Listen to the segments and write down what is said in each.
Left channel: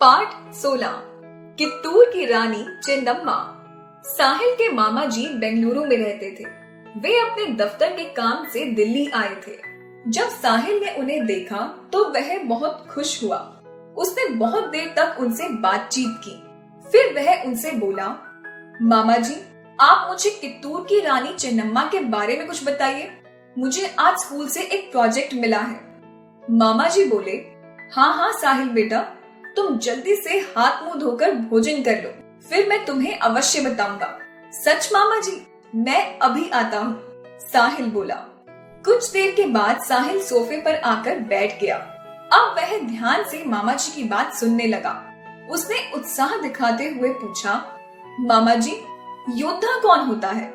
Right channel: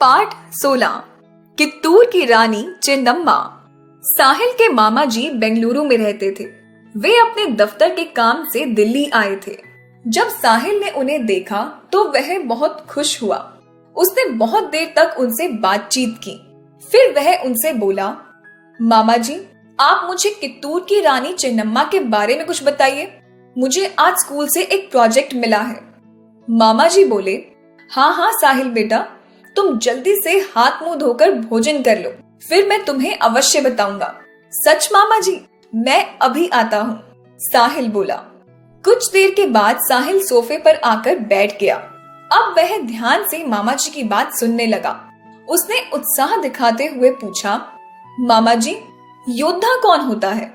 पाठ 16 कित्तूर की रानी चेन्नम्मा। साहिल के मामा जी बेंगलुरु में रहते थे। वे अपने दफ्तर के काम से दिल्ली आए थे। जब साहिल ने उन्हें देखा तो वह बहुत खुश हुआ। उसने बहुत देर तक उनसे बातचीत की। फिर वह उनसे बोला, मामा जी, आप मुझे कित्तूर की रानी चेन्नम्मा के बारे में कुछ बताइए। मुझे आज स्कूल से एक प्रोजेक्ट मिला है। मामा जी बोले, हाँ हाँ साहिल बेटा, तुम जल्दी से हाथ मुंह धोकर भोजन कर लो, फिर मैं तुम्हें अवश्य बताऊंगा। सच मामा जी, मैं अभी आता हूँ, साहिल बोला। कुछ देर के बाद साहिल सोफे पर आकर बैठ गया। अब वह ध्यान से मामा जी की बात सुनने लगा। उसने उत्साह दिखाते हुए पूछा, मामा जी, योद्धा कौन होता है?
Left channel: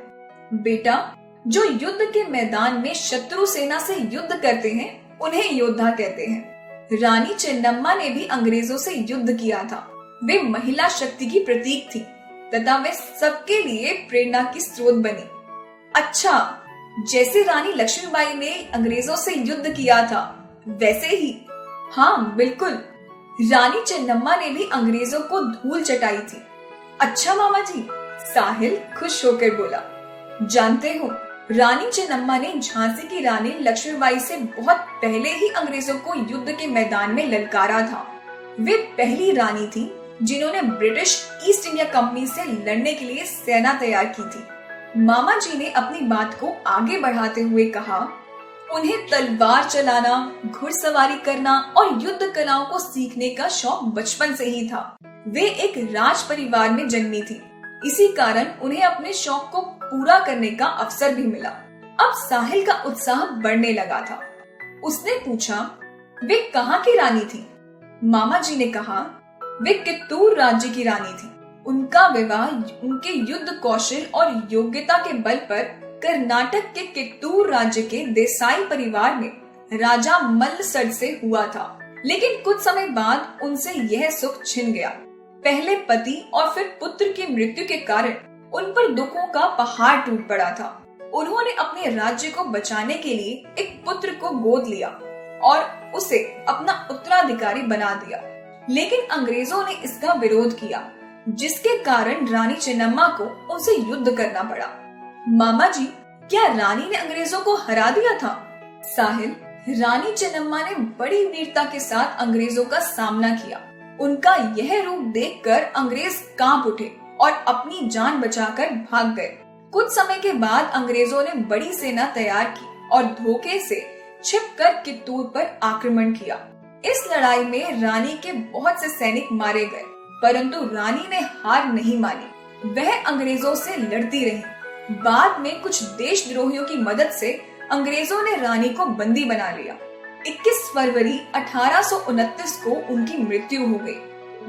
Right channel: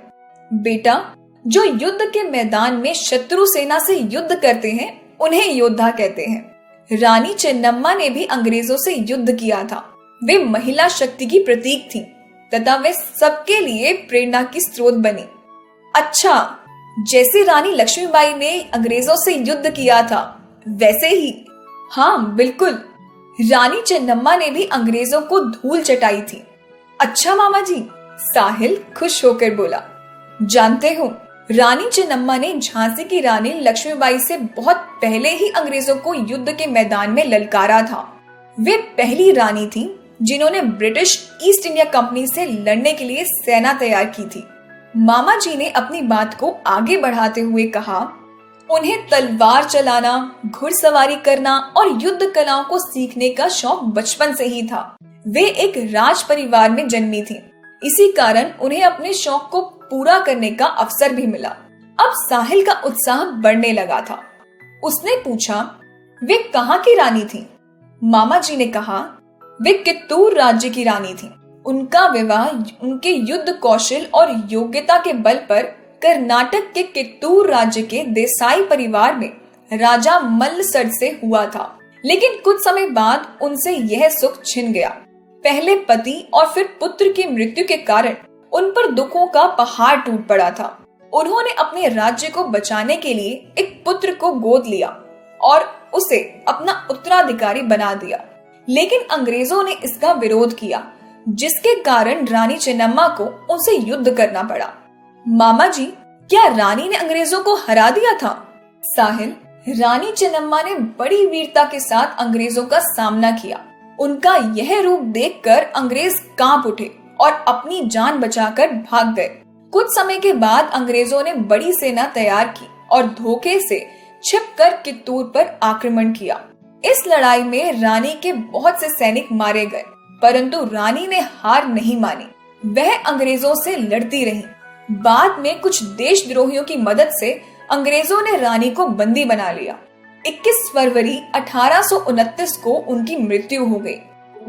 बेटा, जो युद्ध के मैदान में शत्रु सेना से युद्ध करते हैं उन्हें योद्धा कहते हैं। रानी चेन्नम्मा ने भी अंग्रेजों से युद्ध किया था। वे महिला शक्ति की प्रतीक थी तथा वे सबके लिए प्रेरणा की स्रोत बनी। अच्छा, जैसे रानी लक्ष्मीबाई ने अंग्रेजों से युद्ध किया था वैसे ही? हाँ बिल्कुल, रानी चेन्नम्मा ने भी अंग्रेजों को धूल चटाई थी। अच्छा मामा जी, साहिल खुश होकर बोला। जानते हो, रानी चेन्नम्मा ने झांसी की रानी लक्ष्मीबाई से बहुत पहले ही अंग्रेजों को युद्ध के मैदान में ललकारा था। वे पहली रानी थी जिन्होंने ब्रिटिश ईस्ट इंडिया कंपनी से लड़ने के लिए सेना तैयार की थी। मामा जी ने अपनी बात को आगे बढ़ाते हुए कहा, उन्हें तलवार चलाना, घुड़सवारी करना और युद्ध कलाओं को सीखने का शौक बचपन से ही था। वे एक राज परिवार में जन्मी थी, इसी कारण उन्हें अपने शौक को पूरा करने का अवसर भी मिला। अब साहिल का उत्साह बढ़ने लगा था। उसने पूछा, वे कहाँ की रानी थी? मामा जी ने कहा, वे कित्तूर राज्य की रानी थी। उनका विवाह उनके युद्ध कौशल और योग्यता के बल पर कर्नाटक के कित्तूर राज्य के देसाई परिवार में राजा मल्लसर से हुआ था। लेकिन कुछ समय बाद उनसे यह सुख छिन गया। पहले पति और फिर पुत्र की मृत्यु के कारण उन पर दुखों का पहाड़ टूट पड़ा था। उन्होंने अपने राज्य को बचाने के लिए एक पुत्र को गोद लिया और उसे अपना उत्तराधिकारी बना दिया। लेकिन अंग्रेजों ने इसका विरोध किया, जिसके कारण रानी चेन्नम्मा को उनसे युद्ध करना पड़ा। मामा जी, क्या रानी ने अंग्रेजों को हरा दिया था? साहिल, रानी चेन्नम्मा ने बड़ी वीरता के साथ अंग्रेजों का सामना किया। उनका यह रूप देखकर अंग्रेज कांप उठे और अपनी जान बचाकर भाग गए। कुछ समय के बाद अंग्रेजों ने बड़ी सेना तैयार की और धोखे से छिपकर कित्तूर पर आक्रमण किया। इस लड़ाई में रानी के बहुत से सैनिक मारे गए, परंतु रानी ने हार नहीं मानी। वह अंग्रेजों से लड़ती रही। बाद में कुछ देशद्रोहियों की मदद से अंग्रेजों ने रानी को बंदी बना लिया। 21 फरवरी 1829 को उनकी मृत्यु हो गई।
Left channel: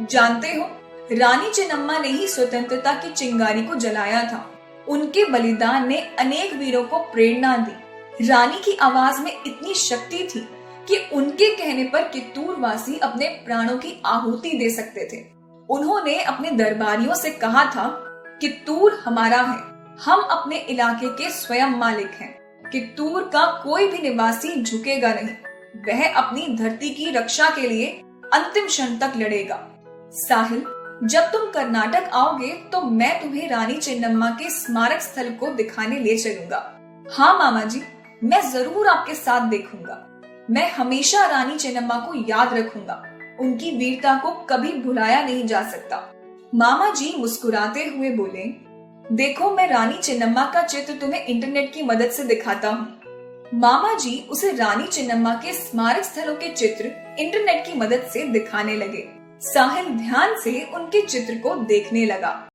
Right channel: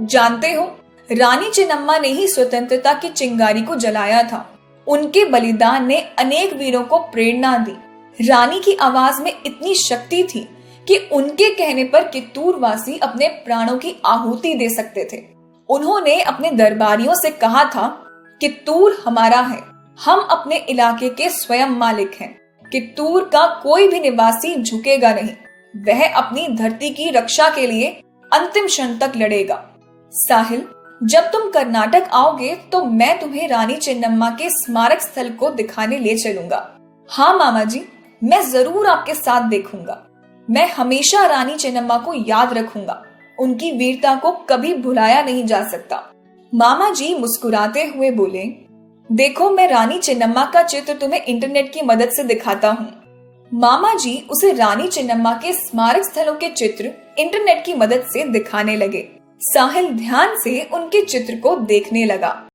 जानते हो, रानी चेन्नम्मा ने ही स्वतंत्रता की चिंगारी को जलाया था। उनके बलिदान ने अनेक वीरों को प्रेरणा दी। रानी की आवाज में इतनी शक्ति थी कि उनके कहने पर कित्तूर वासी अपने प्राणों की आहुति दे सकते थे। उन्होंने अपने दरबारियों से कहा था, कित्तूर हमारा है, हम अपने इलाके के स्वयं मालिक हैं। कित्तूर का कोई भी निवासी झुकेगा नहीं। वह अपनी धरती की रक्षा के लिए अंतिम क्षण तक लड़ेगा। साहिल, जब तुम कर्नाटक आओगे तो मैं तुम्हें रानी चेन्नम्मा के स्मारक स्थल को दिखाने ले चलूंगा। हाँ मामा जी, मैं जरूर आपके साथ देखूंगा। मैं हमेशा रानी चेन्नम्मा को याद रखूंगा। उनकी वीरता को कभी भुलाया नहीं जा सकता। मामा जी मुस्कुराते हुए बोले, देखो, मैं रानी चेन्नम्मा का चित्र तुम्हें इंटरनेट की मदद से दिखाता हूँ। मामा जी उसे रानी चेन्नम्मा के स्मारक स्थलों के चित्र इंटरनेट की मदद से दिखाने लगे। साहिल ध्यान से उनके चित्र को देखने लगा।